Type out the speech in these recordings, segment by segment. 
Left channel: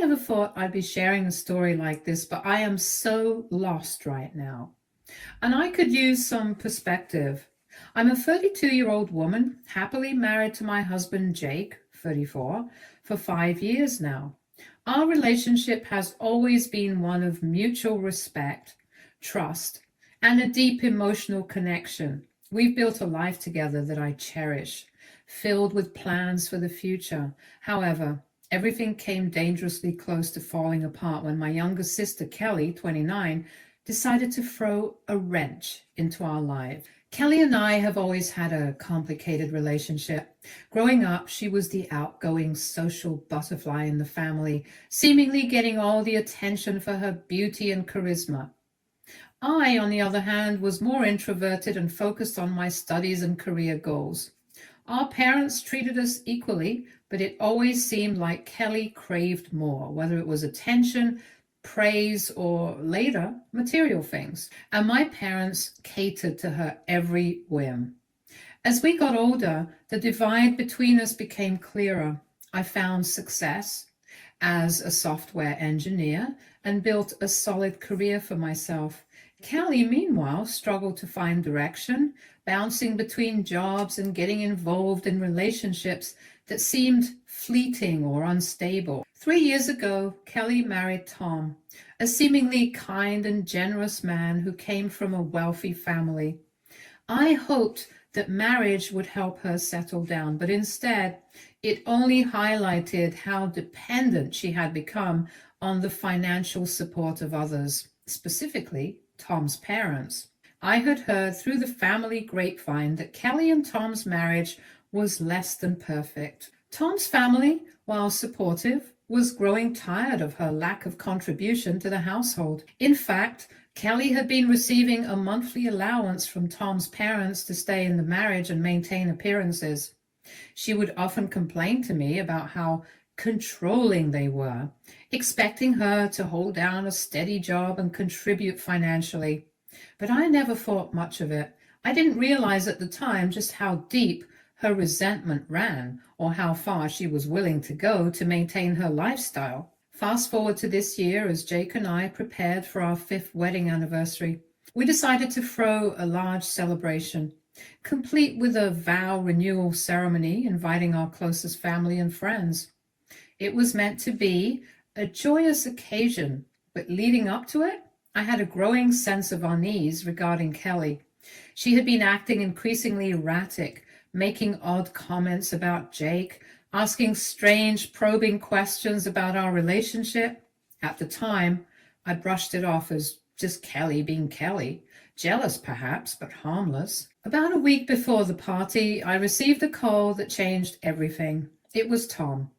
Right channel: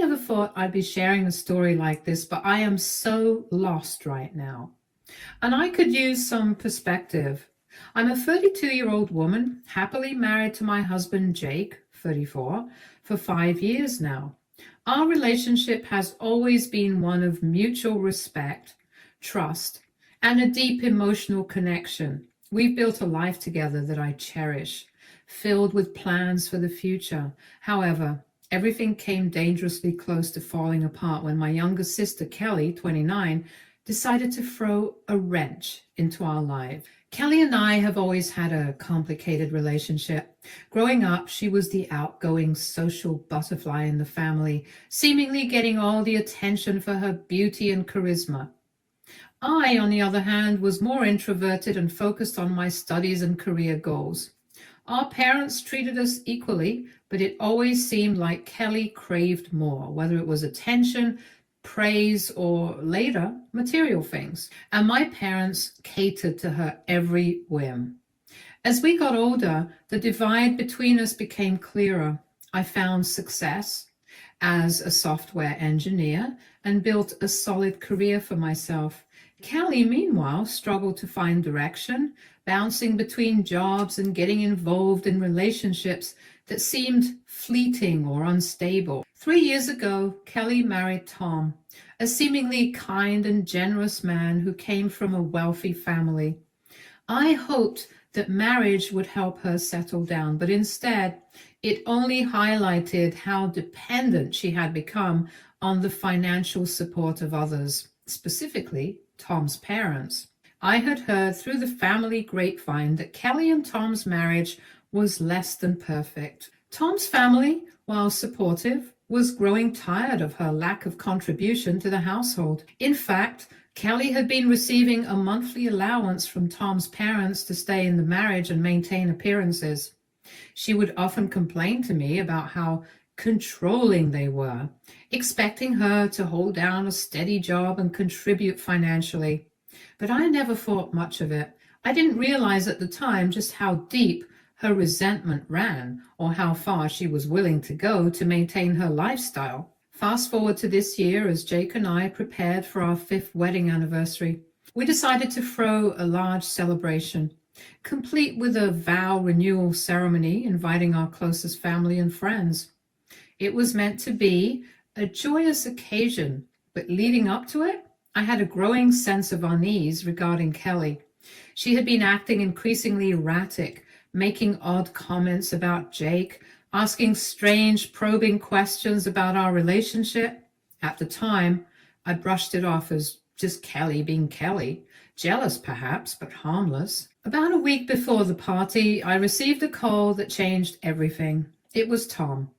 never thought I'd be sharing a story like this, but I am so lost right now. And I could use some perspective. I'm a 32-year-old woman, happily married to my husband, Jake, 34, for 5 years now. Our relationship has always been one of mutual respect, trust, and a deep emotional connection. We've built a life together that I cherish, filled with plans for the future. However, everything came dangerously close to falling apart when my younger sister, Kelly, 29, decided to throw a wrench into our lives. Kelly and I have always had a complicated relationship. Growing up, she was the outgoing social butterfly in the family, seemingly getting all the attention for her beauty and charisma. I, on the other hand, was more introverted and focused on my studies and career goals. Our parents treated us equally, but it always seemed like Kelly craved more, whether it was attention, praise, or later, material things. And my parents catered to her every whim. As we got older, the divide between us became clearer. I found success as a software engineer and built a solid career for myself. Kelly, meanwhile, struggled to find direction, bouncing between jobs and getting involved in relationships that seemed fleeting or unstable. 3 years ago, Kelly married Tom, a seemingly kind and generous man who came from a wealthy family. I hoped that marriage would help her settle down, but instead, it only highlighted how dependent she had become on the financial support of others, specifically Tom's parents. I had heard through the family grapevine that Kelly and Tom's marriage was less than perfect. Tom's family, while supportive, was growing tired of her lack of contribution to the household. In fact, Kelly had been receiving a monthly allowance from Tom's parents to stay in the marriage and maintain appearances. She would often complain to me about how controlling they were, expecting her to hold down a steady job and contribute financially. But I never thought much of it. I didn't realize at the time just how deep her resentment ran, or how far she was willing to go to maintain her lifestyle. Fast forward to this year, as Jake and I prepared for our 5th wedding anniversary, we decided to throw a large celebration, complete with a vow renewal ceremony, inviting our closest family and friends. It was meant to be a joyous occasion, but leading up to it, I had a growing sense of unease regarding Kelly. She had been acting increasingly erratic, making odd comments about Jake, asking strange, probing questions about our relationship. At the time, I brushed it off as just Kelly being Kelly, jealous perhaps, but harmless. About a week before the party, I received a call that changed everything. It was Tom,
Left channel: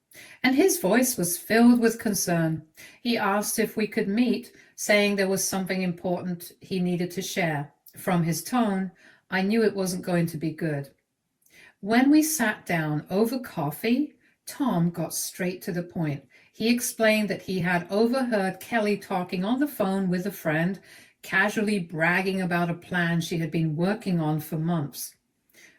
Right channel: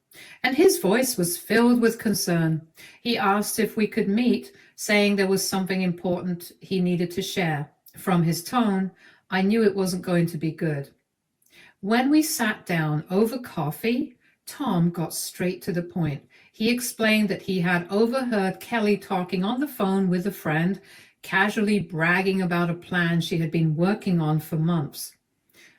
and his voice was filled with concern. He asked if we could meet, saying there was something important he needed to share. From his tone, I knew it wasn't going to be good. When we sat down over coffee, Tom got straight to the point. He explained that he had overheard Kelly talking on the phone with a friend, casually bragging about a plan she had been working on for months.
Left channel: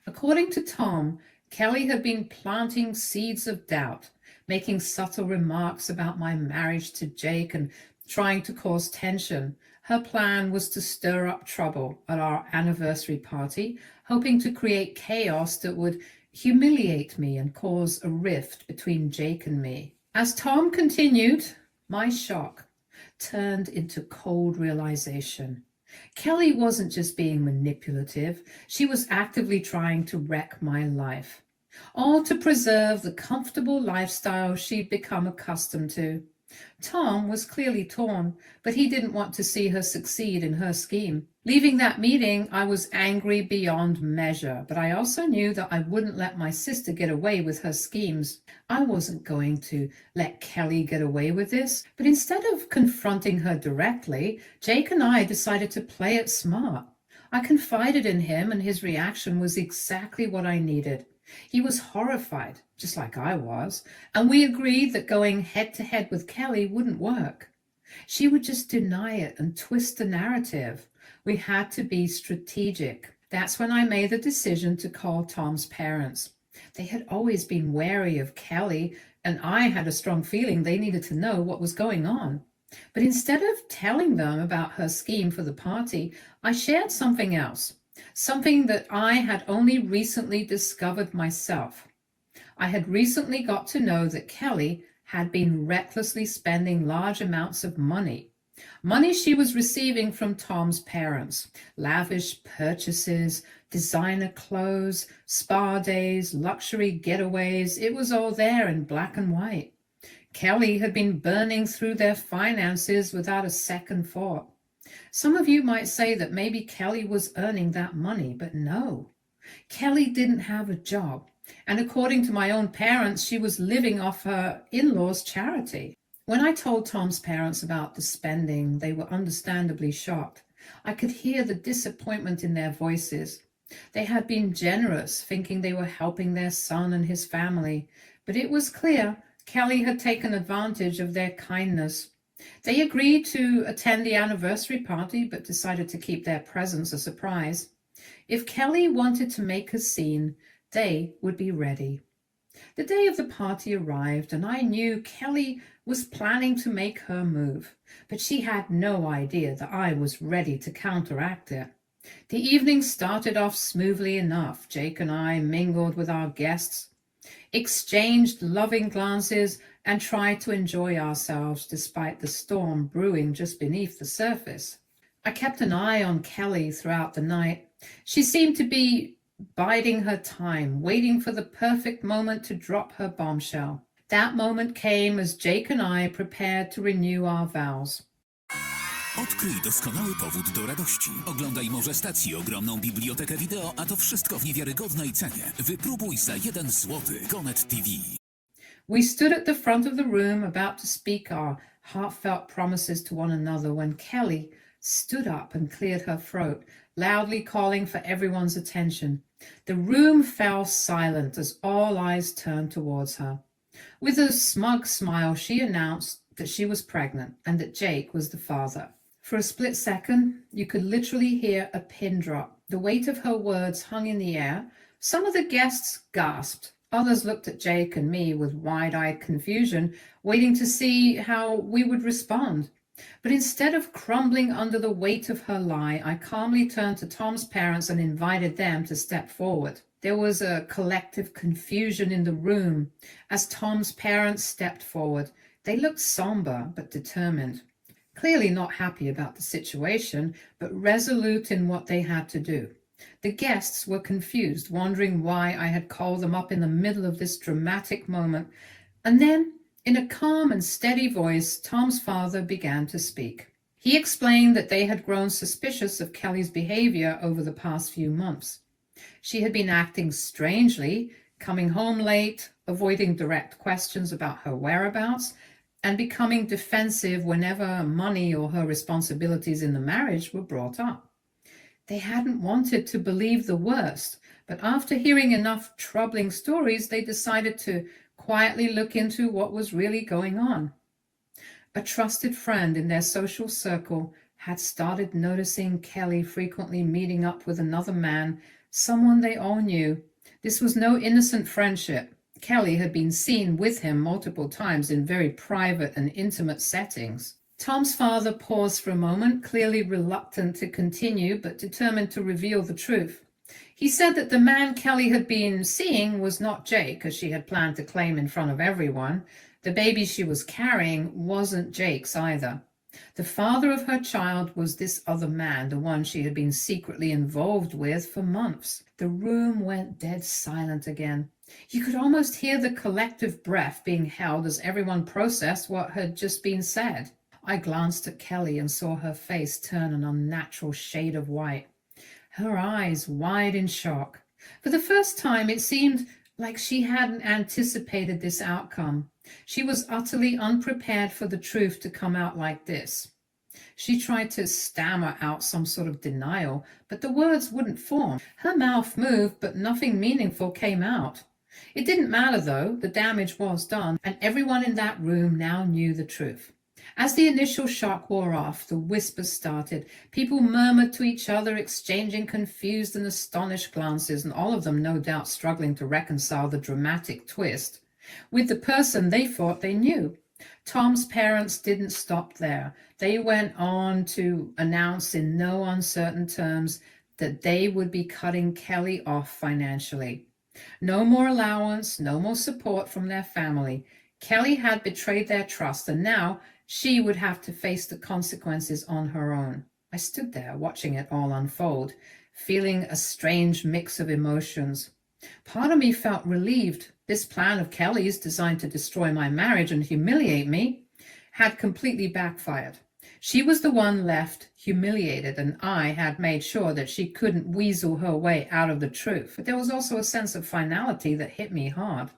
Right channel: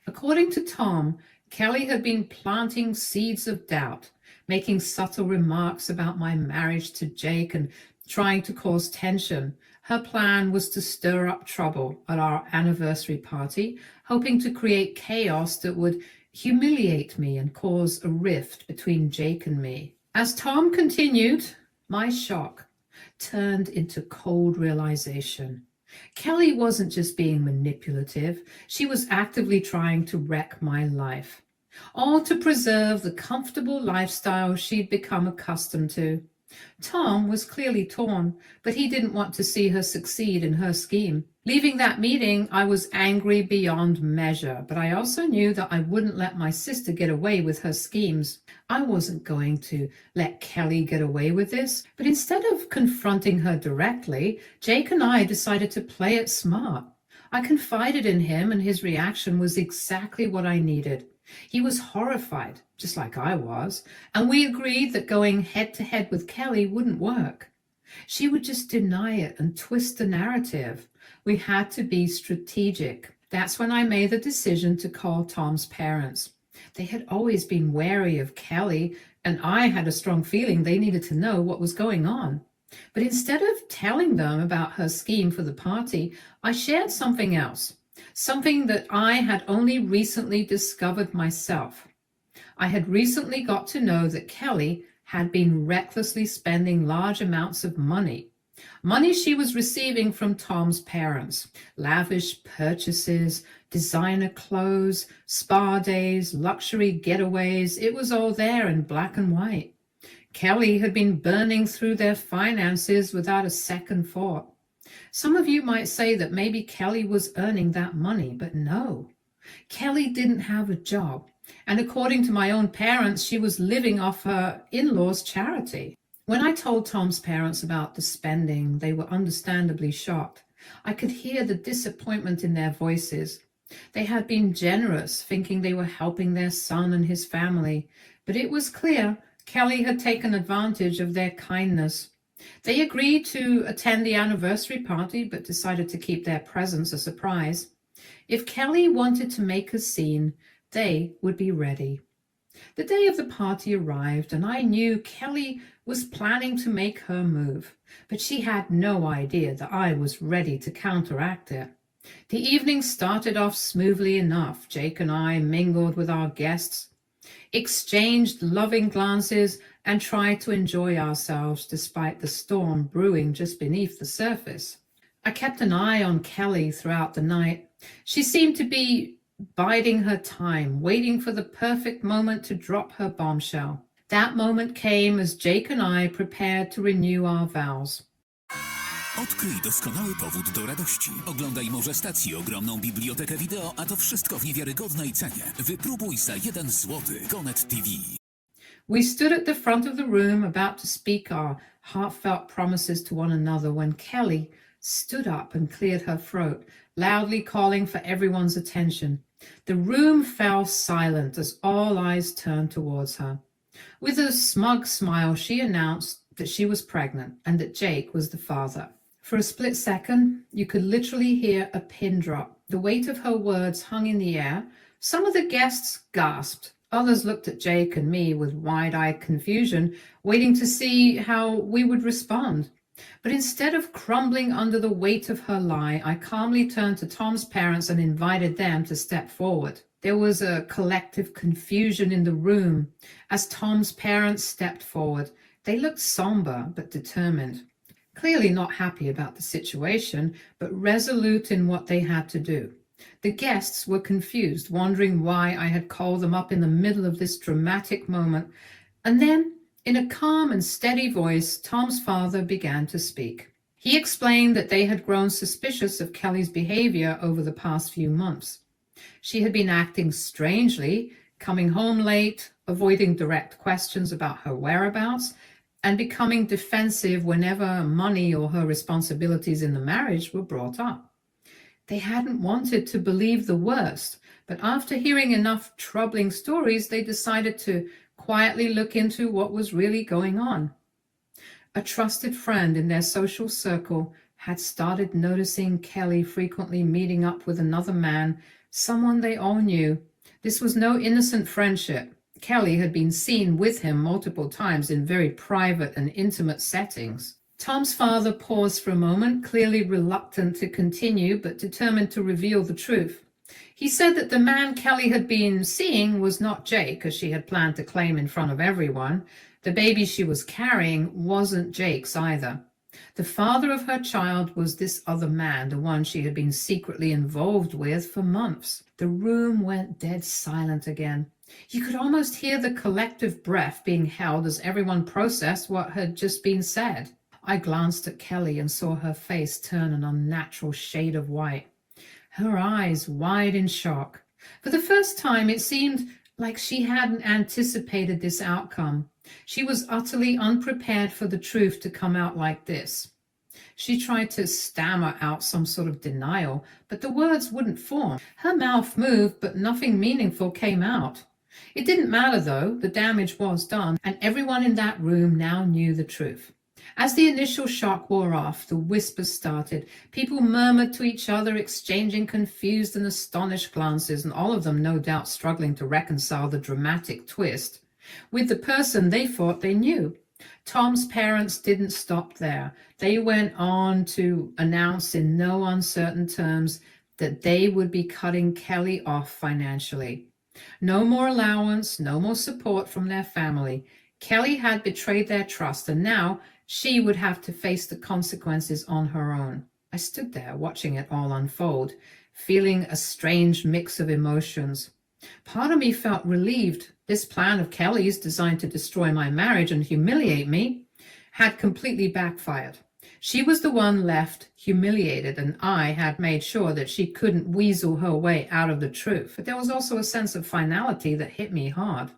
According to Tom, Kelly had been planting seeds of doubt, making subtle remarks about my marriage to Jake and trying to cause tension. Her plan was to stir up trouble at our anniversary party, hoping to create chaos that would humiliate me and cause a rift between Jake and me. As Tom continued, my shock turned into cold realization. Kelly wasn't just being manipulative, she was actively trying to wreck my life, all to preserve the comfortable lifestyle she'd become accustomed to. Tom was clearly torn, but he didn't want to see her succeed in her scheme. Leaving that meeting, I was angry beyond measure, but I also knew that I wouldn't let my sister get away with her schemes. I wasn't going to let Kelly get away with this, but instead of confronting her directly, Jake and I decided to play it smart. I confided in him, and his reaction was exactly what I needed. He was horrified, just like I was, and we agreed that going head-to-head with Kelly wouldn't work. She would just deny it and twist the narrative. We had to be strategic. That's when I made the decision to call Tom's parents. They had always been wary of Kelly, and I had a strong feeling they needed to know what was going on. But instead of telling them about her scheme for the party, I shared something else, something that I had only recently discovered myself. I had recently got to know that Kelly had been recklessly spending large amounts of money. Money she was receiving from Tom's parents, lavish purchases, designer clothes, spa days, luxury getaways. It was all there in black and white. Kelly had been burning through their finances without a second thought. Some of you might say that maybe Kelly was earning that money, but no. Kelly didn't have a job, and according to my own parents, she was living off her in-laws' charity. When I told Tom's parents about the spending, they were understandably shocked. I could hear the disappointment in their voices. They had been generous, thinking they were helping their son and his family, but it was clear Kelly had taken advantage of their kindness. They agreed to attend the anniversary party, but decided to keep their presence a surprise. If Kelly wanted to make a scene, they would be ready. The day of the party arrived, and I knew Kelly was planning to make her move, but she had no idea that I was ready to counteract it. The evening started off smoothly enough. Jake and I mingled with our guests, exchanged loving glances, and tried to enjoy ourselves despite the storm brewing just beneath the surface. I kept an eye on Kelly throughout the night. She seemed to be biding her time, waiting for the perfect moment to drop her bombshell. That moment came as Jake and I prepared to renew our vows. Odkryj doskonały powód do radości. Oglądaj Morze Stacji, ogromną bibliotekę wideo, a to wszystko w niewiarygodnej cenie. Wypróbuj za 1 złoty. Konet TV. We stood at the front of the room about to speak our heartfelt promises to one another when Kelly stood up and cleared her throat, loudly calling for everyone's attention. The room fell silent as all eyes turned towards her. With a smug smile, she announced that she was pregnant and that Jake was the father. For a split second, you could literally hear a pin drop. The weight of her words hung in the air. Some of the guests gasped. Others looked at Jake and me with wide-eyed confusion, waiting to see how we would respond. But instead of crumbling under the weight of her lie, I calmly turned to Tom's parents and invited them to step forward. There was a collective confusion in the room as Tom's parents stepped forward. They looked somber but determined, clearly not happy about the situation, but resolute in what they had to do. The guests were confused, wondering why I had called them up in the middle of this dramatic moment. And then, in a calm and steady voice, Tom's father began to speak. He explained that they had grown suspicious of Kelly's behavior over the past few months. She had been acting strangely, coming home late, avoiding direct questions about her whereabouts, and becoming defensive whenever money or her responsibilities in the marriage were brought up. They hadn't wanted to believe the worst, but after hearing enough troubling stories, they decided to quietly look into what was really going on. A trusted friend in their social circle had started noticing Kelly frequently meeting up with another man, someone they all knew. This was no innocent friendship. Kelly had been seen with him multiple times in very private and intimate settings. Tom's father paused for a moment, clearly reluctant to continue, but determined to reveal the truth. He said that the man Kelly had been seeing was not Jake, as she had planned to claim in front of everyone. The baby she was carrying wasn't Jake's either. The father of her child was this other man, the one she had been secretly involved with for months. The room went dead silent again. You could almost hear the collective breath being held as everyone processed what had just been said. I glanced at Kelly and saw her face turn an unnatural shade of white, her eyes wide in shock. For the first time, it seemed like she hadn't anticipated this outcome. She was utterly unprepared for the truth to come out like this. She tried to stammer out some sort of denial, but the words wouldn't form. Her mouth moved, but nothing meaningful came out. It didn't matter, though. The damage was done, and everyone in that room now knew the truth. As the initial shock wore off, the whispers started. People murmured to each other, exchanging confused and astonished glances, and all of them no doubt struggling to reconcile the dramatic twist. with the person they thought they knew. Tom's parents didn't stop there. They went on to announce in no uncertain terms that they would be cutting Kelly off financially. No more allowance, no more support from their family. Kelly had betrayed their trust, and now she would have to face the consequences on her own. I stood there watching it all unfold, feeling a strange mix of emotions. Part of me felt relieved. This plan of Kelly's, designed to destroy my marriage and humiliate me, had completely backfired. She was the one left humiliated, and I had made sure that she couldn't weasel her way out of the truth. But there was also a sense of finality that hit me hard.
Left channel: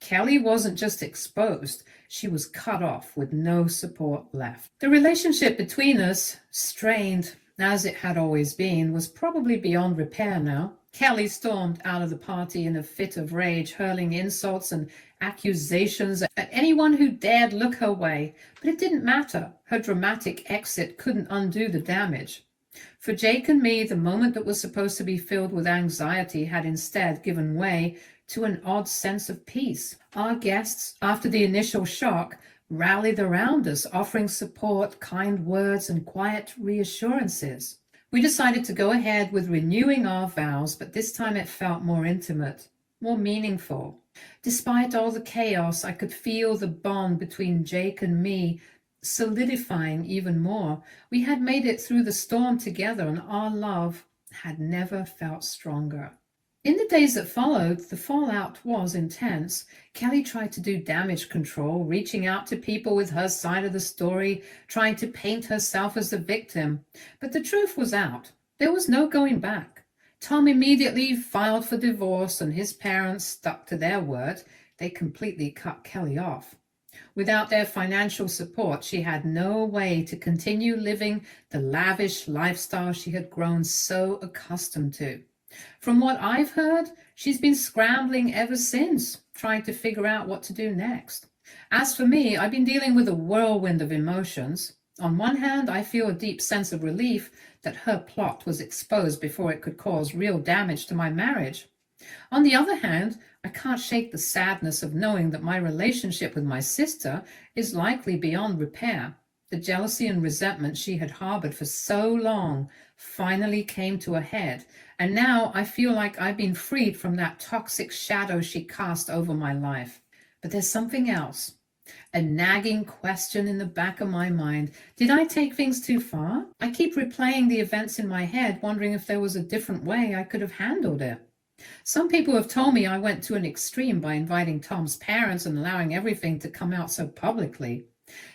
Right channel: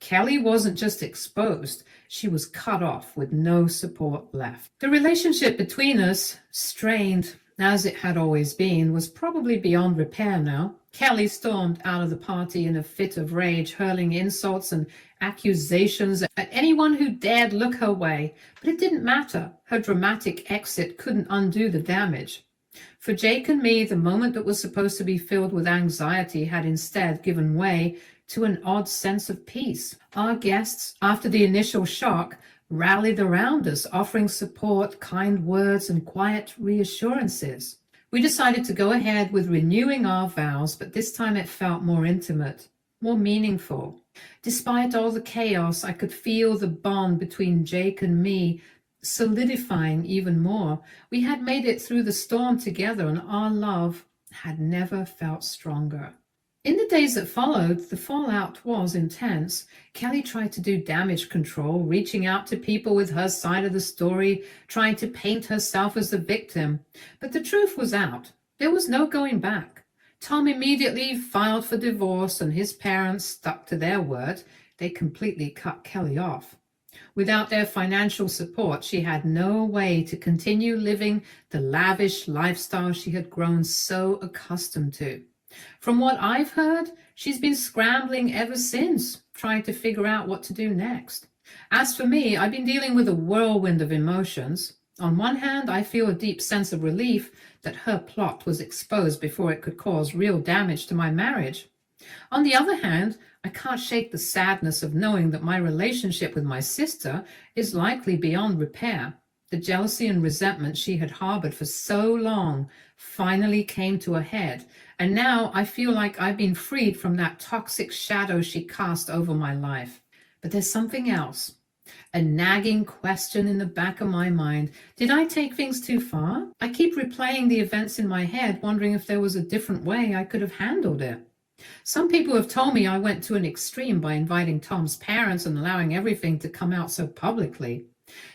Kelly wasn't just exposed, she was cut off with no support left. The relationship between us, strained as it had always been, was probably beyond repair now. Kelly stormed out of the party in a fit of rage, hurling insults and accusations at anyone who dared look her way. But it didn't matter. Her dramatic exit couldn't undo the damage. For Jake and me, the moment that was supposed to be filled with anxiety had instead given way to an odd sense of peace. Our guests, after the initial shock, rallied around us, offering support, kind words, and quiet reassurances. We decided to go ahead with renewing our vows, but this time it felt more intimate, more meaningful. Despite all the chaos, I could feel the bond between Jake and me solidifying even more. We had made it through the storm together, and our love had never felt stronger. In the days that followed, the fallout was intense. Kelly tried to do damage control, reaching out to people with her side of the story, trying to paint herself as the victim. But the truth was out. There was no going back. Tom immediately filed for divorce, and his parents stuck to their word. They completely cut Kelly off. Without their financial support, she had no way to continue living the lavish lifestyle she had grown so accustomed to. From what I've heard, she's been scrambling ever since, trying to figure out what to do next. As for me, I've been dealing with a whirlwind of emotions. On one hand, I feel a deep sense of relief that her plot was exposed before it could cause real damage to my marriage. On the other hand, I can't shake the sadness of knowing that my relationship with my sister is likely beyond repair. The jealousy and resentment she had harbored for so long finally came to a head, and now I feel like I've been freed from that toxic shadow she cast over my life. But there's something else. A nagging question in the back of my mind. Did I take things too far? I keep replaying the events in my head, wondering if there was a different way I could have handled it. Some people have told me I went to an extreme by inviting Tom's parents and allowing everything to come out so publicly.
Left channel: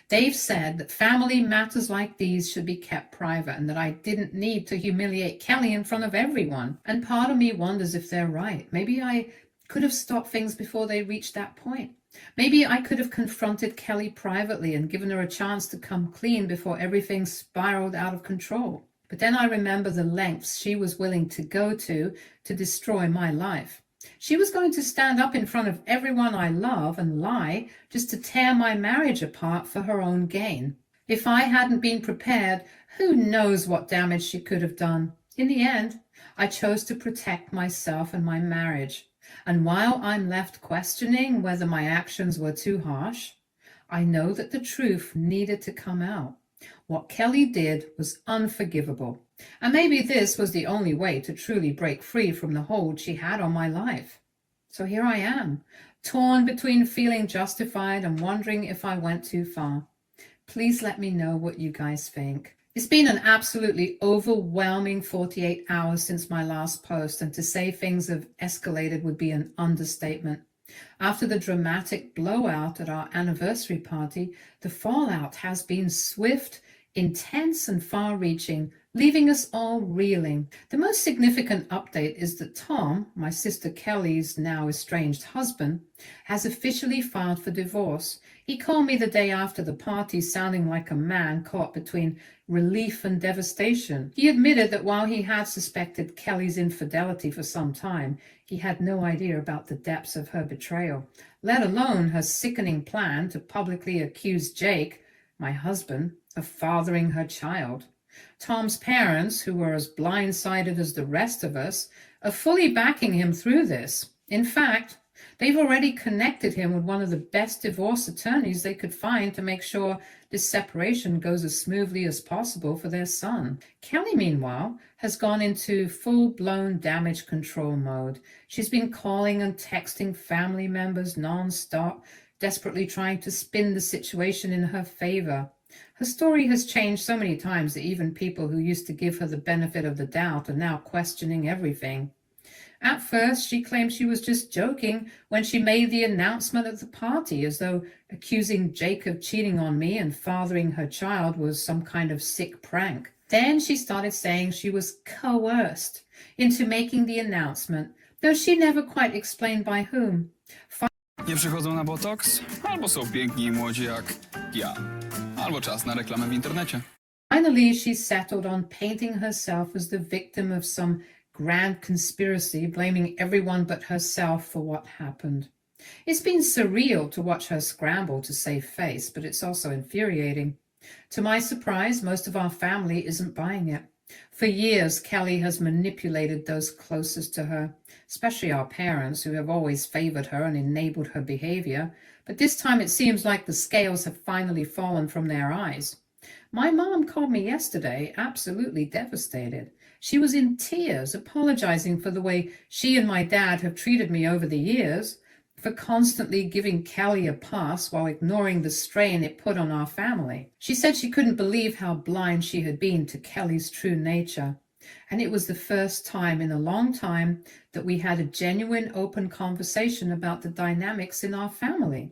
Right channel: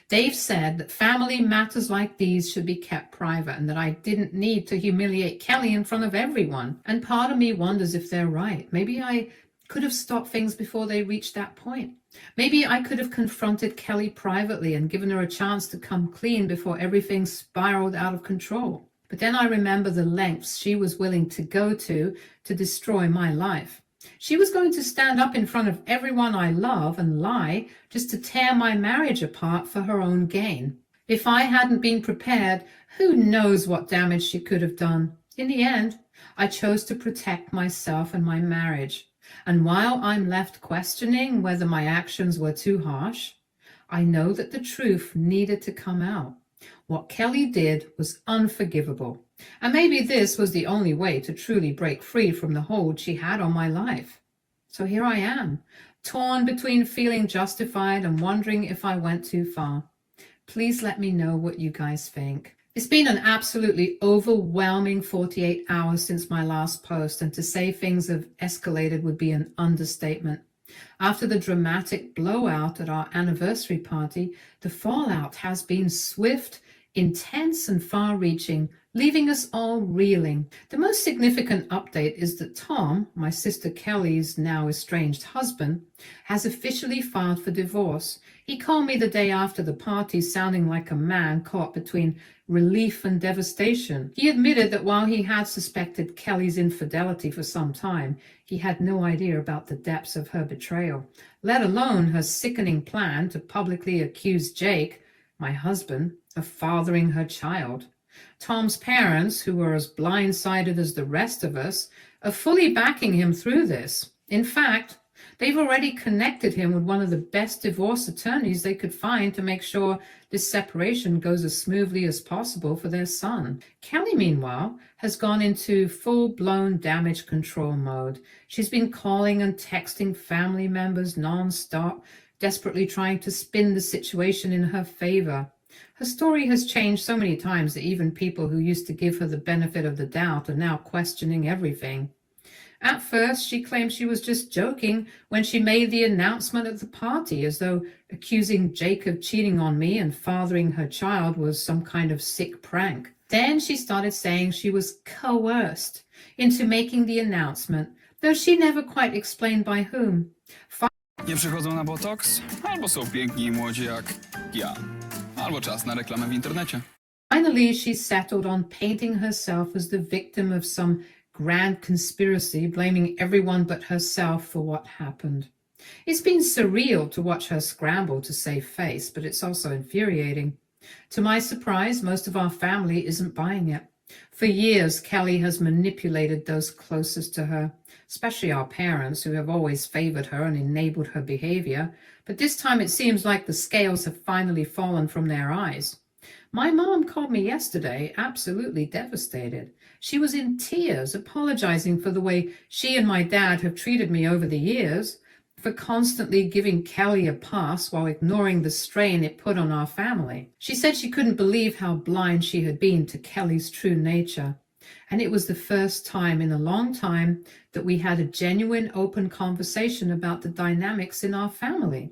They've said that family matters like these should be kept private, and that I didn't need to humiliate Kelly in front of everyone. And part of me wonders if they're right. Maybe I could have stopped things before they reached that point. Maybe I could have confronted Kelly privately and given her a chance to come clean before everything spiraled out of control. But then I remember the lengths she was willing to go to destroy my life. She was going to stand up in front of everyone I love and lie just to tear my marriage apart for her own gain. If I hadn't been prepared, who knows what damage she could have done. In the end, I chose to protect myself and my marriage. And while I'm left questioning whether my actions were too harsh, I know that the truth needed to come out. What Kelly did was unforgivable. And maybe this was the only way to truly break free from the hold she had on my life. So here I am, torn between feeling justified and wondering if I went too far. Please let me know what you guys think. It's been an absolutely overwhelming 48 hours since my last post, and to say things have escalated would be an understatement. After the dramatic blowout at our anniversary party, the fallout has been swift, intense, and far-reaching, leaving us all reeling. The most significant update is that Tom, my sister Kelly's now estranged husband, has officially filed for divorce. He called me the day after the party, sounding like a man caught between relief and devastation. He admitted that while he had suspected Kelly's infidelity for some time, he had no idea about the depths of her betrayal, let alone her sickening plan to publicly accuse Jake, my husband, of fathering her child. Tom's parents, who are as blindsided as the rest of us, are fully backing him through this. In fact, They've already connected him with one of the best divorce attorneys they could find to make sure this separation goes as smoothly as possible for their son. Kelly, meanwhile, has gone into full-blown damage control mode. She's been calling and texting family members non-stop, desperately trying to spin the situation in her favor. Her story has changed so many times that even people who used to give her the benefit of the doubt are now questioning everything. At first, she claimed she was just joking when she made the announcement at the party, as though accusing Jake of cheating on me and fathering her child was some kind of sick prank. Then she started saying she was coerced into making the announcement, though she never quite explained by whom. Nie przychodzą na botoks? Albo są piękni i młodzi jak ja. Albo czas na reklamę w internecie. Finally, she settled on painting herself as the victim of some grand conspiracy, blaming everyone but herself for what happened. It's been surreal to watch her scramble to save face, but it's also infuriating. To my surprise, most of our family isn't buying it. For years, Kelly has manipulated those closest to her, especially our parents, who have always favored her and enabled her behavior. But this time it seems like the scales have finally fallen from their eyes. My mom called me yesterday, absolutely devastated. She was in tears, apologizing for the way she and my dad have treated me over the years, for constantly giving Kelly a pass while ignoring the strain it put on our family. She said she couldn't believe how blind she had been to Kelly's true nature. And it was the first time in a long time that we had a genuine, open conversation about the dynamics in our family.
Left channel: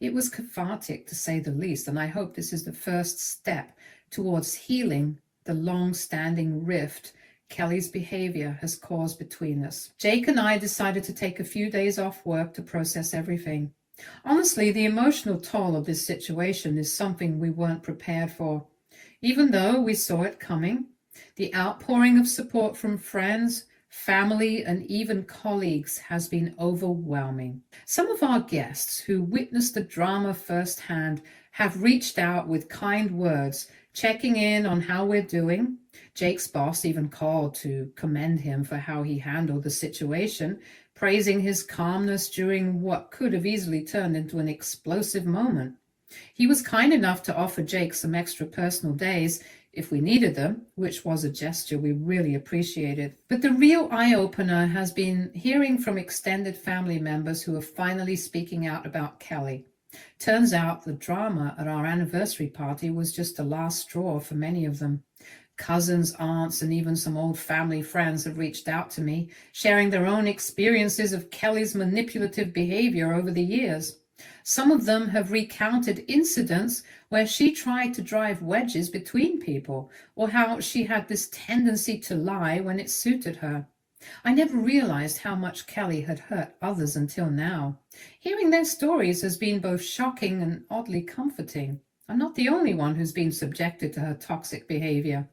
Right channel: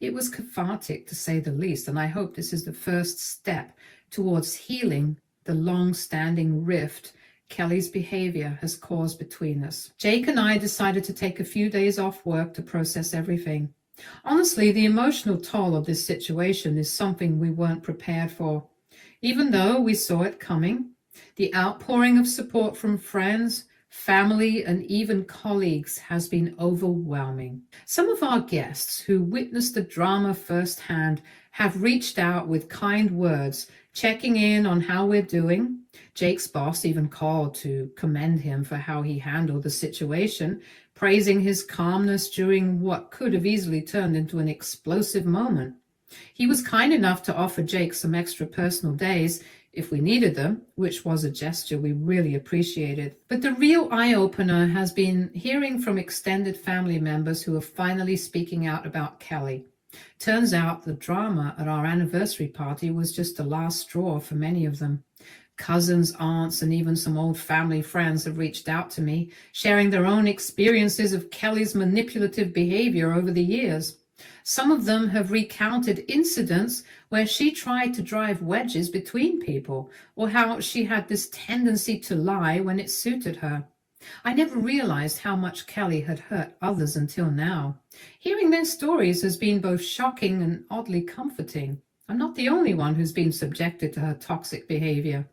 It was cathartic, to say the least, and I hope this is the first step towards healing the long-standing rift Kelly's behavior has caused between us. Jake and I decided to take a few days off work to process everything. Honestly, the emotional toll of this situation is something we weren't prepared for. Even though we saw it coming, the outpouring of support from friends, family, and even colleagues has been overwhelming. Some of our guests who witnessed the drama firsthand have reached out with kind words, checking in on how we're doing. Jake's boss even called to commend him for how he handled the situation, praising his calmness during what could have easily turned into an explosive moment. He was kind enough to offer Jake some extra personal days if we needed them, which was a gesture we really appreciated. But the real eye-opener has been hearing from extended family members who are finally speaking out about Kelly. Turns out the drama at our anniversary party was just the last straw for many of them. Cousins, aunts, and even some old family friends have reached out to me, sharing their own experiences of Kelly's manipulative behavior over the years. Some of them have recounted incidents where she tried to drive wedges between people, or how she had this tendency to lie when it suited her. I never realized how much Kelly had hurt others until now. Hearing their stories has been both shocking and oddly comforting. I'm not the only one who's been subjected to her toxic behavior.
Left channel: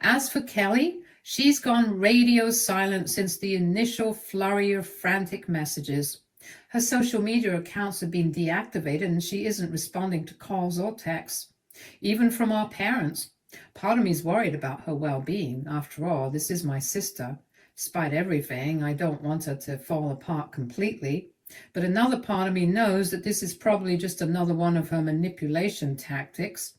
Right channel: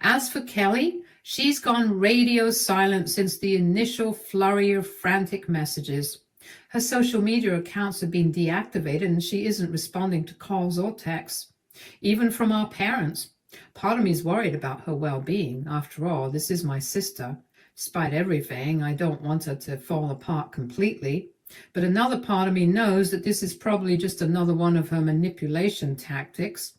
As for Kelly, she's gone radio silent since the initial flurry of frantic messages. Her social media accounts have been deactivated and she isn't responding to calls or texts, even from our parents. Part of me is worried about her well-being. After all, this is my sister. Despite everything, I don't want her to fall apart completely. But another part of me knows that this is probably just another one of her manipulation tactics,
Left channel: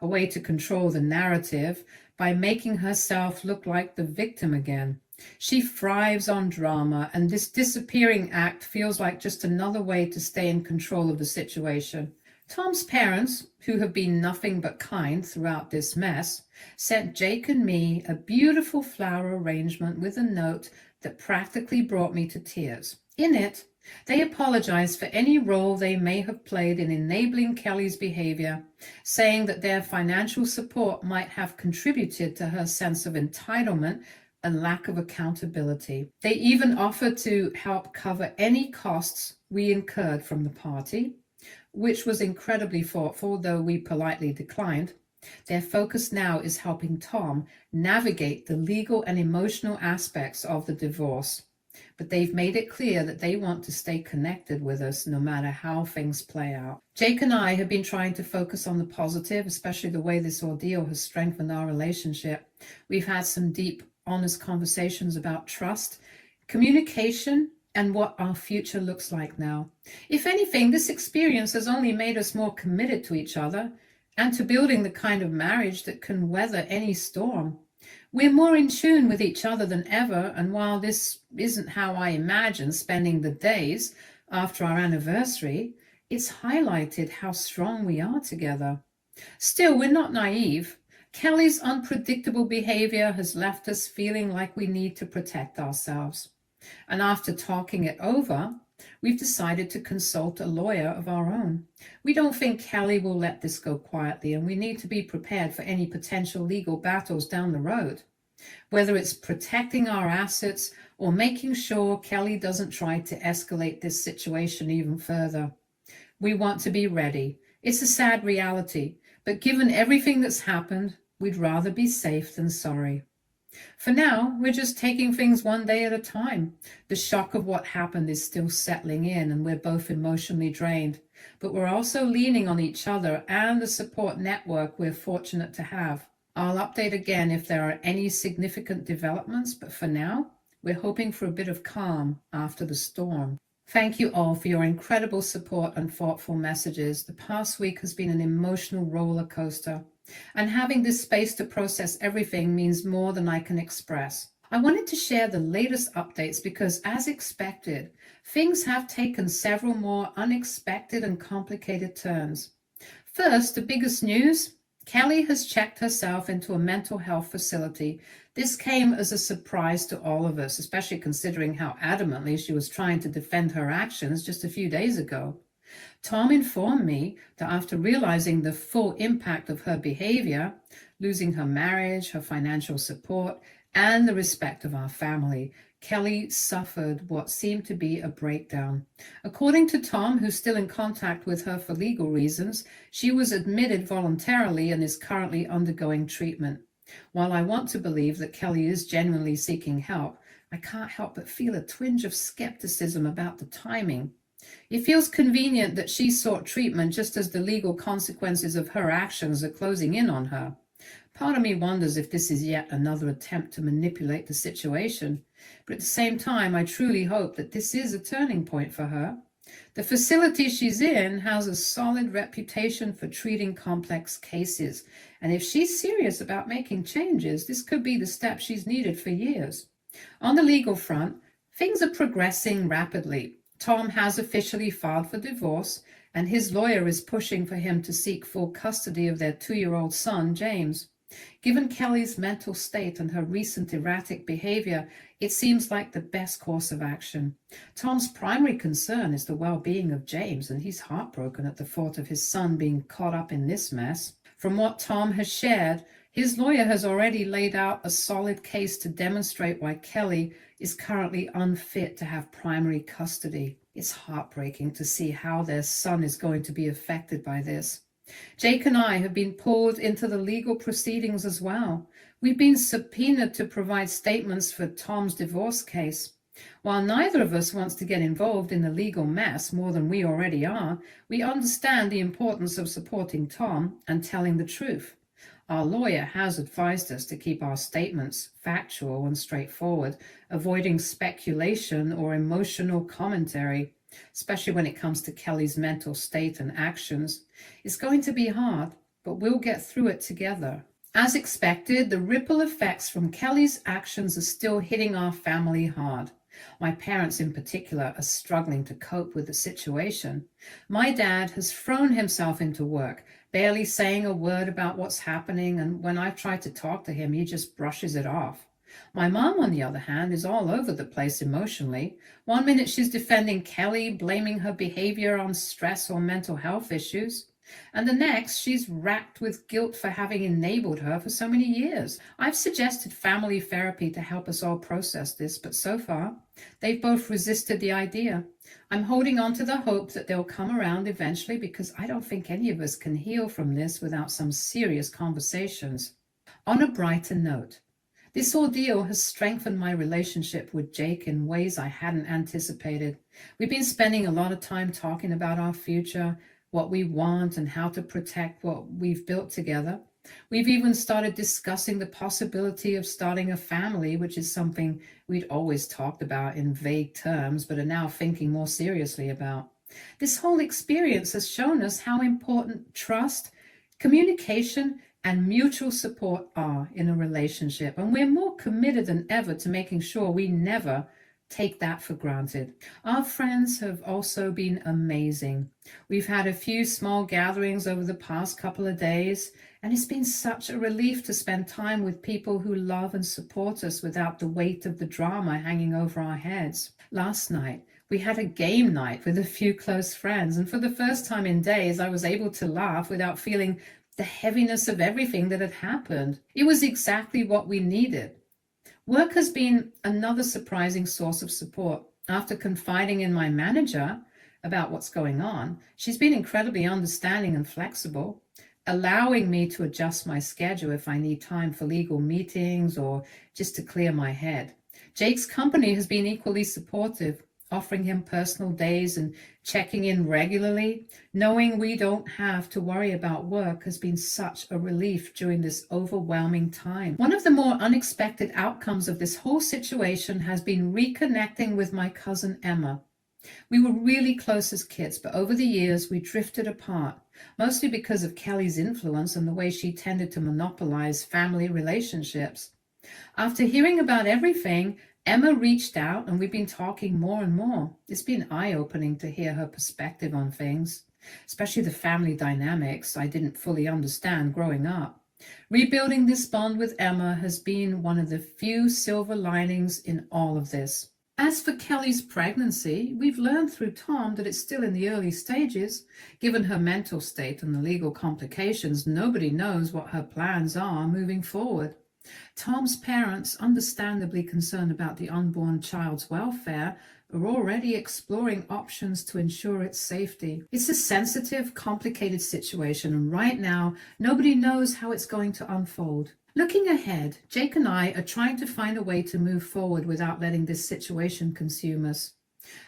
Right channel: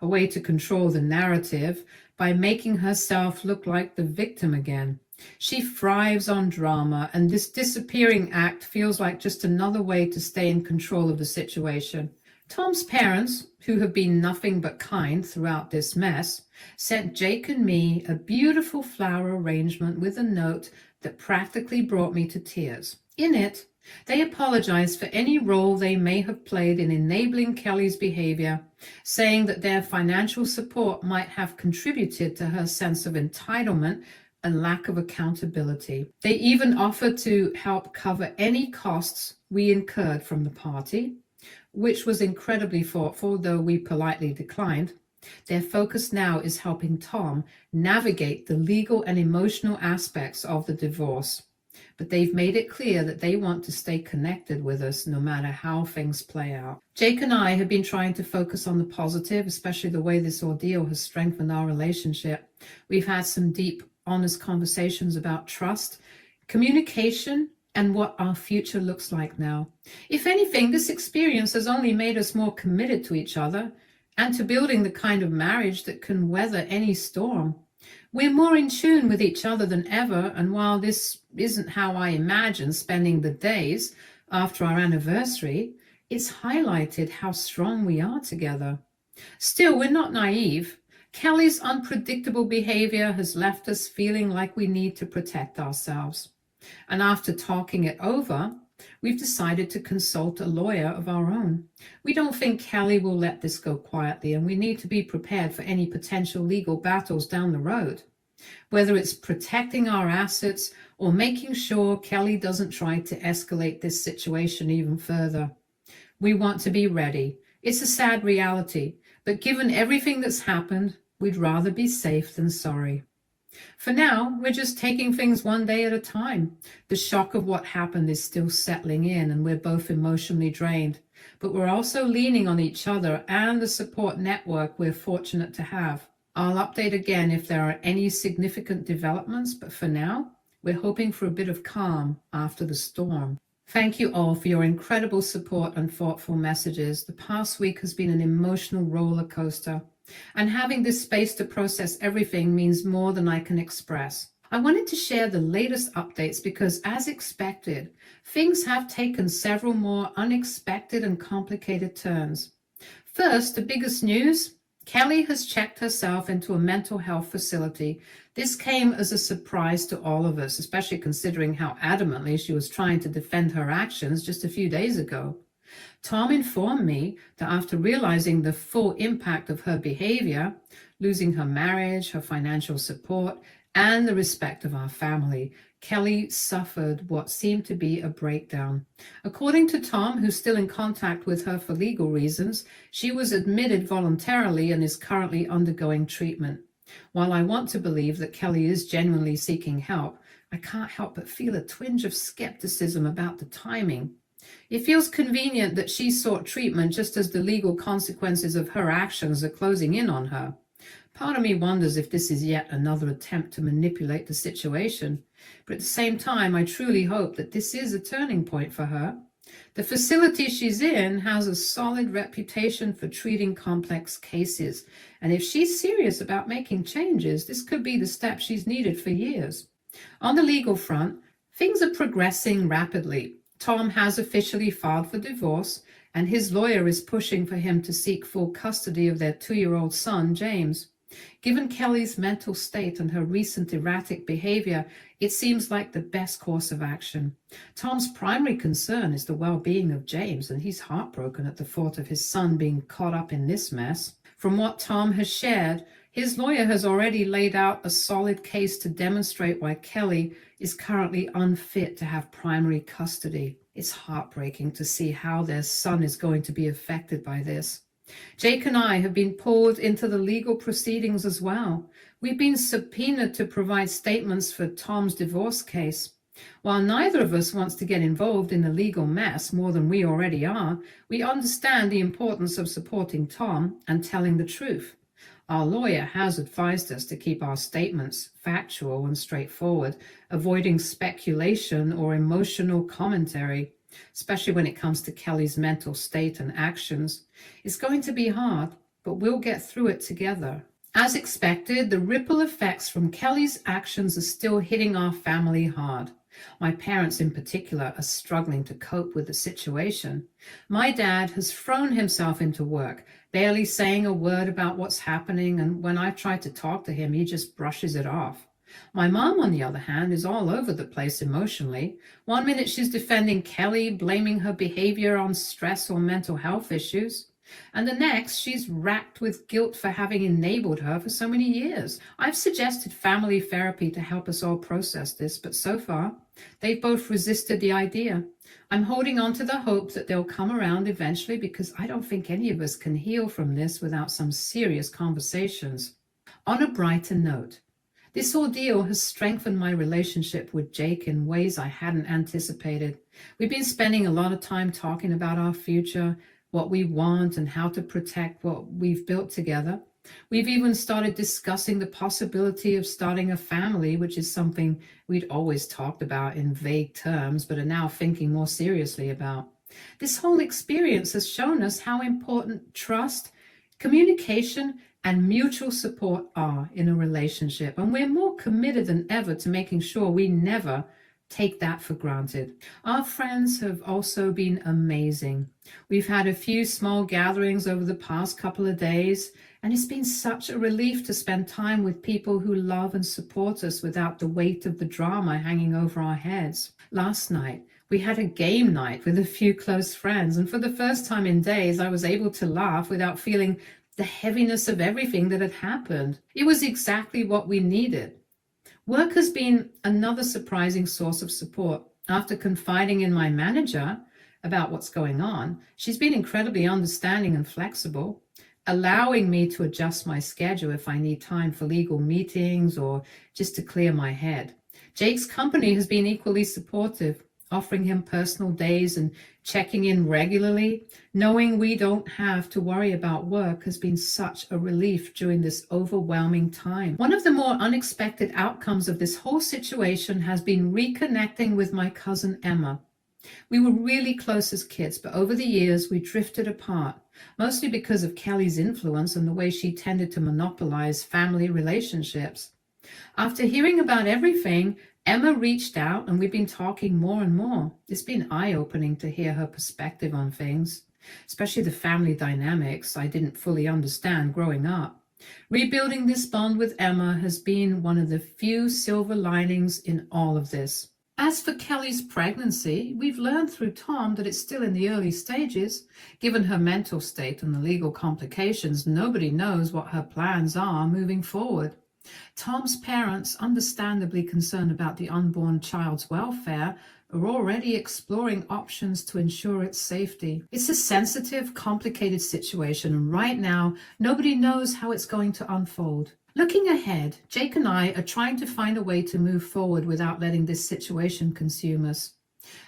a way to control the narrative by making herself look like the victim again. She thrives on drama, and this disappearing act feels like just another way to stay in control of the situation. Tom's parents, who have been nothing but kind throughout this mess, sent Jake and me a beautiful flower arrangement with a note that practically brought me to tears. In it, they apologized for any role they may have played in enabling Kelly's behavior, saying that their financial support might have contributed to her sense of entitlement and lack of accountability. They even offered to help cover any costs we incurred from the party, which was incredibly thoughtful, though we politely declined. Their focus now is helping Tom navigate the legal and emotional aspects of the divorce. But they've made it clear that they want to stay connected with us no matter how things play out. Jake and I have been trying to focus on the positive, especially the way this ordeal has strengthened our relationship. We've had some deep, honest conversations about trust, communication, and what our future looks like now. If anything, this experience has only made us more committed to each other and to building the kind of marriage that can weather any storm. We're more in tune with each other than ever, and while this isn't how I imagine spending the days after our anniversary, it's highlighted how strong we are together. Still, we're not naive. Kelly's unpredictable behavior has left us feeling like we need to protect ourselves. And after talking it over, we've decided to consult a lawyer of our own. We don't think Kelly will let this go quietly, and we need to be prepared for any potential legal battles down the road. Whether it's protecting our assets or making sure Kelly doesn't try to escalate this situation even further. We want to be ready. It's a sad reality, but given everything that's happened, we'd rather be safe than sorry. For now, we're just taking things one day at a time. The shock of what happened is still settling in, and we're both emotionally drained. But we're also leaning on each other and the support network we're fortunate to have. I'll update again if there are any significant developments, but for now, we're hoping for a bit of calm after the storm. Thank you all for your incredible support and thoughtful messages. The past week has been an emotional roller coaster, and having this space to process everything means more than I can express. I wanted to share the latest updates because, as expected, things have taken several more unexpected and complicated turns. First, the biggest news: Kelly has checked herself into a mental health facility. This came as a surprise to all of us, especially considering how adamantly she was trying to defend her actions just a few days ago. Tom informed me that after realizing the full impact of her behavior, losing her marriage, her financial support, and the respect of our family, Kelly suffered what seemed to be a breakdown. According to Tom, who's still in contact with her for legal reasons, she was admitted voluntarily and is currently undergoing treatment. While I want to believe that Kelly is genuinely seeking help, I can't help but feel a twinge of skepticism about the timing. It feels convenient that she sought treatment just as the legal consequences of her actions are closing in on her. Part of me wonders if this is yet another attempt to manipulate the situation, but at the same time, I truly hope that this is a turning point for her. The facility she's in has a solid reputation for treating complex cases, and if she's serious about making changes, this could be the step she's needed for years. On the legal front, things are progressing rapidly. Tom has officially filed for divorce, and his lawyer is pushing for him to seek full custody of their 2-year-old son, James. Given Kelly's mental state and her recent erratic behavior, it seems like the best course of action. Tom's primary concern is the well-being of James, and he's heartbroken at the thought of his son being caught up in this mess. From what Tom has shared, his lawyer has already laid out a solid case to demonstrate why Kelly is currently unfit to have primary custody. It's heartbreaking to see how their son is going to be affected by this. Jake and I have been pulled into the legal proceedings as well. We've been subpoenaed to provide statements for Tom's divorce case. While neither of us wants to get involved in the legal mess more than we already are, we understand the importance of supporting Tom and telling the truth. Our lawyer has advised us to keep our statements factual and straightforward, avoiding speculation or emotional commentary, especially when it comes to Kelly's mental state and actions. It's going to be hard, but we'll get through it together. As expected, the ripple effects from Kelly's actions are still hitting our family hard. My parents in particular are struggling to cope with the situation. My dad has thrown himself into work, barely saying a word about what's happening, and when I try to talk to him, he just brushes it off. My mom, on the other hand, is all over the place emotionally. One minute she's defending Kelly, blaming her behavior on stress or mental health issues, and the next she's racked with guilt for having enabled her for so many years. I've suggested family therapy to help us all process this, but so far, they've both resisted the idea. I'm holding on to the hope that they'll come around eventually, because I don't think any of us can heal from this without some serious conversations. On a brighter note, this ordeal has strengthened my relationship with Jake in ways I hadn't anticipated. We've been spending a lot of time talking about our future, what we want, and how to protect what we've built together. We've even started discussing the possibility of starting a family, which is something we'd always talked about in vague terms, but are now thinking more seriously about. This whole experience has shown us how important trust, communication, and mutual support are in a relationship. And we're more committed than ever to making sure we never take that for granted. Our friends have also been amazing. We've had a few small gatherings over the past couple of days, and it's been such a relief to spend time with people who love and support us without the weight of the drama hanging over our heads. Last night, we had a game night with a few close friends, and for the first time in days, I was able to laugh without feeling the heaviness of everything that had happened. It was exactly what we needed. Work has been another surprising source of support. After confiding in my manager about what's going on, she's been incredibly understanding and flexible, allowing me to adjust my schedule if I need time for legal meetings or just to clear my head. Jake's company has been equally supportive, offering him personal days and checking in regularly. Knowing we don't have to worry about work has been such a relief during this overwhelming time. One of the more unexpected outcomes of this whole situation has been reconnecting with my cousin Emma. We were really close as kids, but over the years we drifted apart, mostly because of Kelly's influence and the way she tended to monopolize family relationships. After hearing about everything, Emma reached out and we've been talking more and more. It's been eye-opening to hear her perspective on things, especially the family dynamics I didn't fully understand growing up. Rebuilding this bond with Emma has been one of the few silver linings in all of this. As for Kelly's pregnancy, we've learned through Tom that it's still in the early stages. Given her mental state and the legal complications, nobody knows what her plans are moving forward. Tom's parents, understandably concerned about the unborn child's welfare, are already exploring options to ensure its safety. It's a sensitive, complicated situation, and right now, nobody knows how it's going to unfold. Looking ahead, Jake and I are trying to find a way to move forward without letting this situation consume us.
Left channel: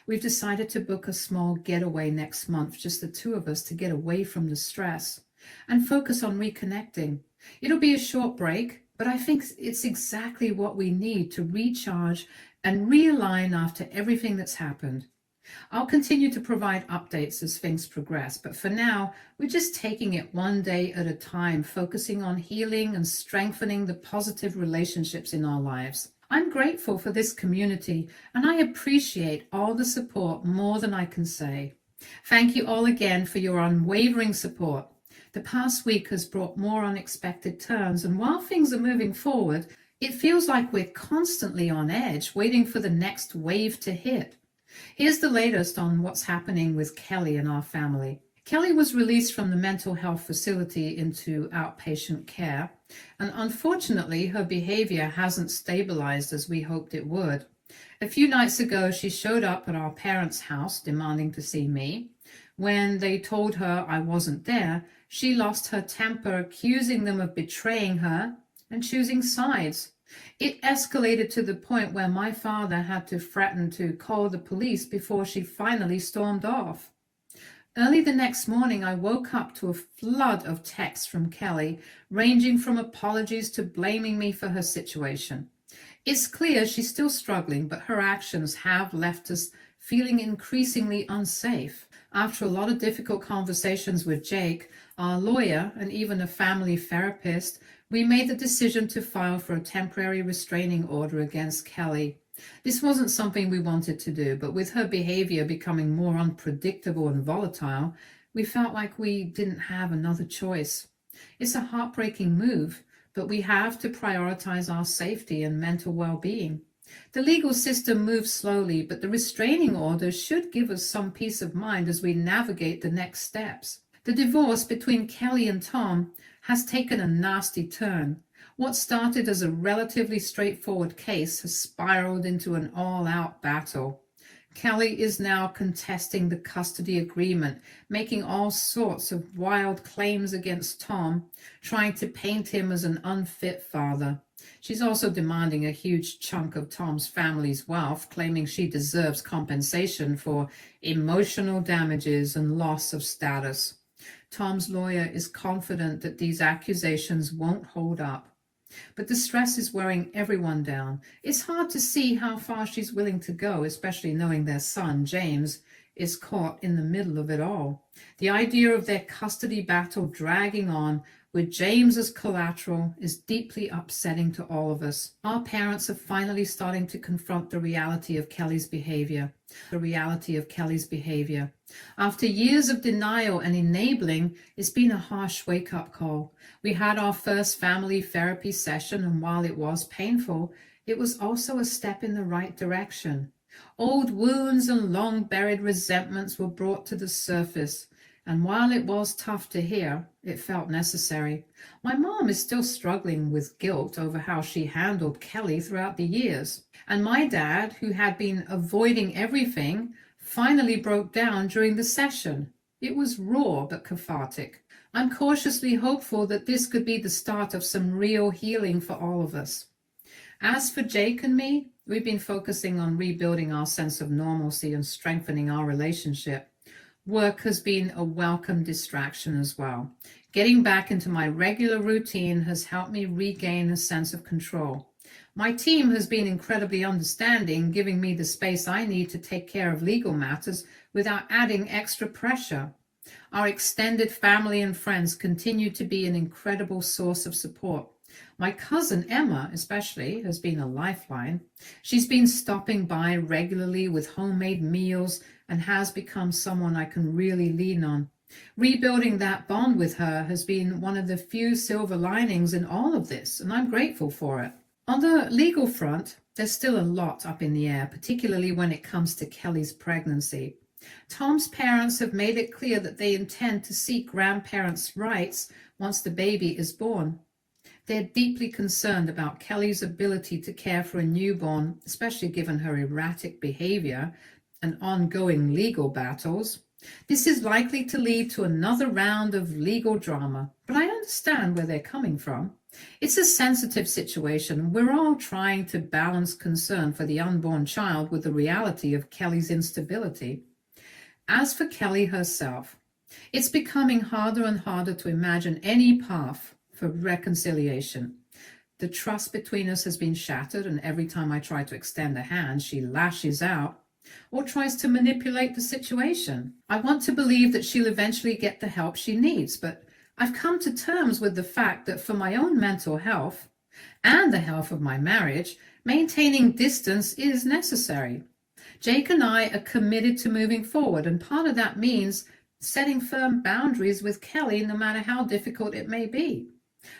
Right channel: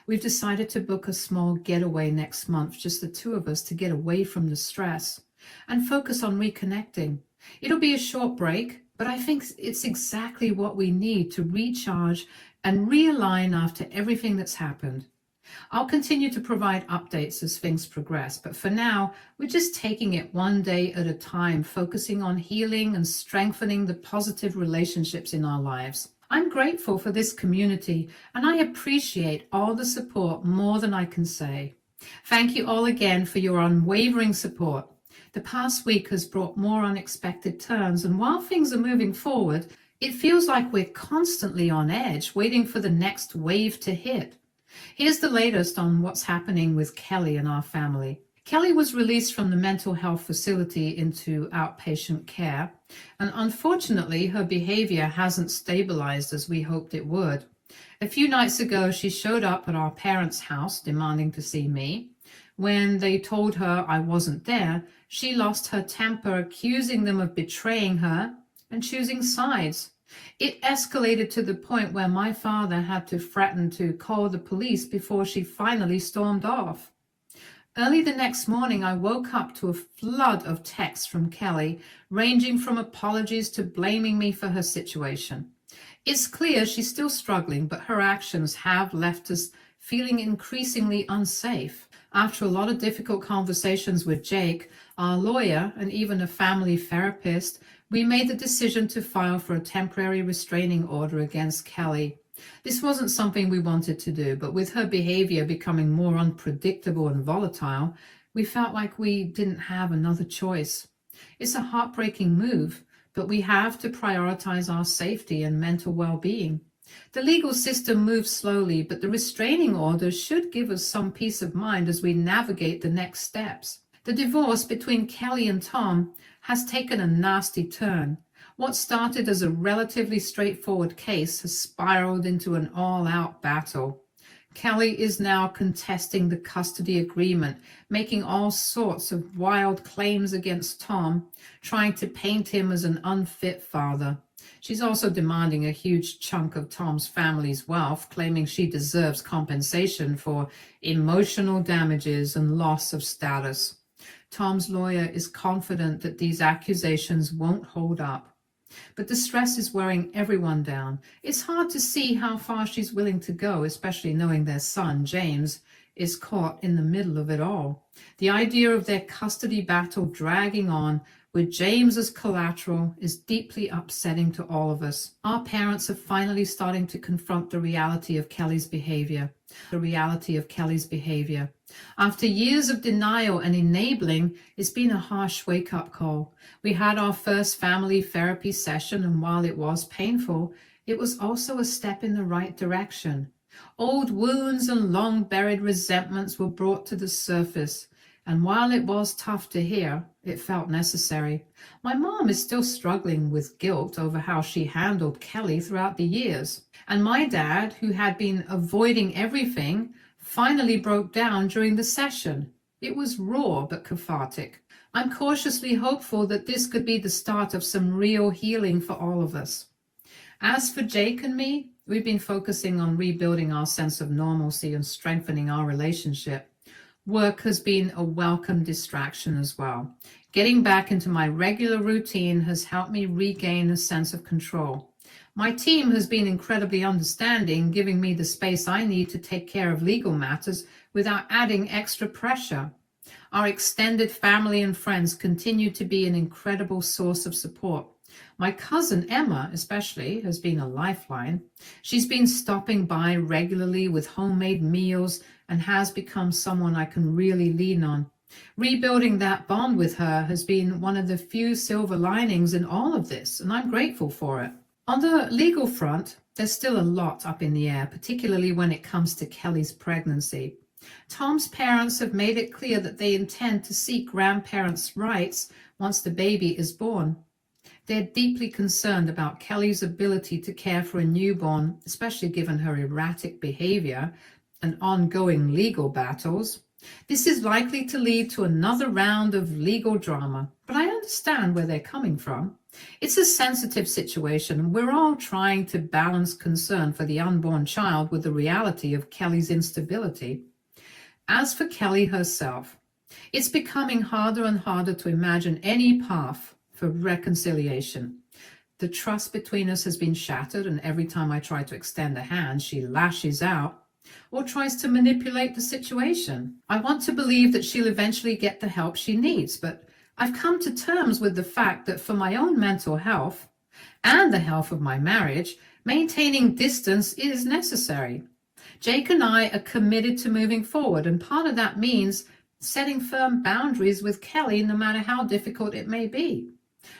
We've decided to book a small getaway next month, just the two of us, to get away from the stress and focus on reconnecting. It'll be a short break, but I think it's exactly what we need to recharge and realign after everything that's happened. I'll continue to provide updates as things progress, but for now, we're just taking it one day at a time, focusing on healing and strengthening the positive relationships in our lives. I'm grateful for this community, and I appreciate all the support more than I can say. Thank you all again for your unwavering support. The past week has brought more unexpected turns, and while things are moving forward, it feels like we're constantly on edge, waiting for the next wave to hit. Here's the latest on what's happening with Kelly and our family. Kelly was released from the mental health facility into outpatient care, and unfortunately, her behavior hasn't stabilized as we hoped it would. A few nights ago, she showed up at our parents' house demanding to see me. When they told her I wasn't there, she lost her temper, accusing them of betraying her and choosing sides. It escalated to the point where my father had to threaten to call the police before she finally stormed off. Early the next morning, I woke up to a flood of texts from Kelly, ranging from apologies to blaming me for her situation. It's clear she's still struggling, but her actions have left us feeling increasingly unsafe. After a lot of difficult conversations with Jake, our lawyer, and even a family therapist, we made the decision to file for a temporary restraining order against Kelly. This wasn't something we wanted to do, but with her behavior becoming more unpredictable and volatile, we felt like we didn't have another choice. It's a heartbreaking move, but we have to prioritize our safety and mental well-being. The legal system moves slowly, but the restraining order should give us some peace of mind as we navigate the next steps. The divorce between Kelly and Tom has taken a nasty turn. What started as a relatively straightforward case has spiraled into an all-out battle. Kelly is now contesting the custody agreement, making all sorts of wild claims against Tom, trying to paint him as an unfit father. She's also demanding a huge chunk of Tom's family's wealth, claiming she deserves compensation for emotional damages and loss of status. Tom's lawyer is confident that these accusations won't hold up. But the stress is wearing everyone down. It's hard to see how far she's willing to go, especially knowing their son, James, is caught in the middle of it all. The idea of their custody battle dragging on with James as collateral is deeply upsetting to all of us. Our parents are finally starting to confront the reality of Kelly's behavior. After years of denial and enabling, it's been a harsh wake-up call. We had our first family therapy session, and while it was painful, it was also a step in the right direction. Old wounds and long-buried resentments were brought to the surface, and while it was tough to hear, it felt necessary. My mom is still struggling with guilt over how she handled Kelly throughout the years. And my dad, who had been avoiding everything, finally broke down during the session. It was raw but cathartic. I'm cautiously hopeful that this could be the start of some real healing for all of us. As for Jake and me, we've been focusing on rebuilding our sense of normalcy and strengthening our relationship. Work has been a welcome distraction as well. Getting back into my regular routine has helped me regain a sense of control. My team has been incredibly understanding, giving me the space I need to take care of legal matters without adding extra pressure. Our extended family and friends continue to be an incredible source of support. My cousin Emma, especially, has been a lifeline. She's been stopping by regularly with homemade meals and has become someone I can really lean on. Rebuilding that bond with her has been one of the few silver linings in all of this, and I'm grateful for it. On the legal front, there's still a lot up in the air, particularly when it comes to Kelly's pregnancy. Tom's parents have made it clear that they intend to seek grandparents' rights once the baby is born. They're deeply concerned about Kelly's ability to care for a newborn, especially given her erratic behavior and ongoing legal battles. This is likely to lead to another round of legal drama, but I understand where they're coming from. It's a sensitive situation, and we're all trying to balance concern for the unborn child with the reality of Kelly's instability. As for Kelly herself, it's becoming harder and harder to imagine any path for reconciliation. The trust between us has been shattered, and every time I try to extend a hand, she lashes out or tries to manipulate the situation. I want to believe that she'll eventually get the help she needs, but I've come to terms with the fact that for my own mental health and the health of my marriage, maintaining distance is necessary. Jake and I are committed to moving forward, and part of that means setting firm boundaries with Kelly, no matter how difficult it may be.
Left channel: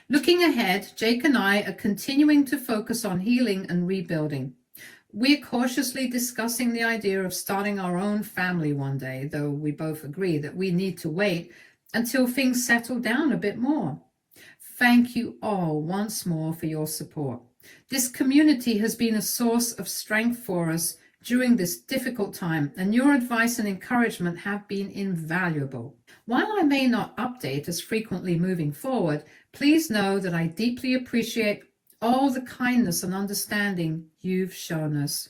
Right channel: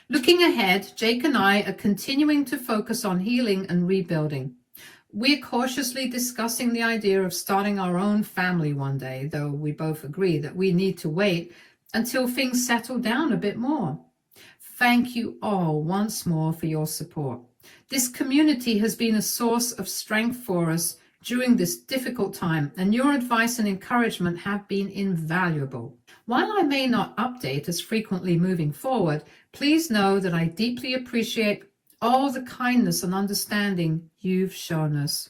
Looking ahead, Jake and I are continuing to focus on healing and rebuilding. We're cautiously discussing the idea of starting our own family one day, though we both agree that we need to wait until things settle down a bit more. Thank you all once more for your support. This community has been a source of strength for us during this difficult time, and your advice and encouragement have been invaluable. While I may not update as frequently moving forward, please know that I deeply appreciate all the kindness and understanding you've shown us.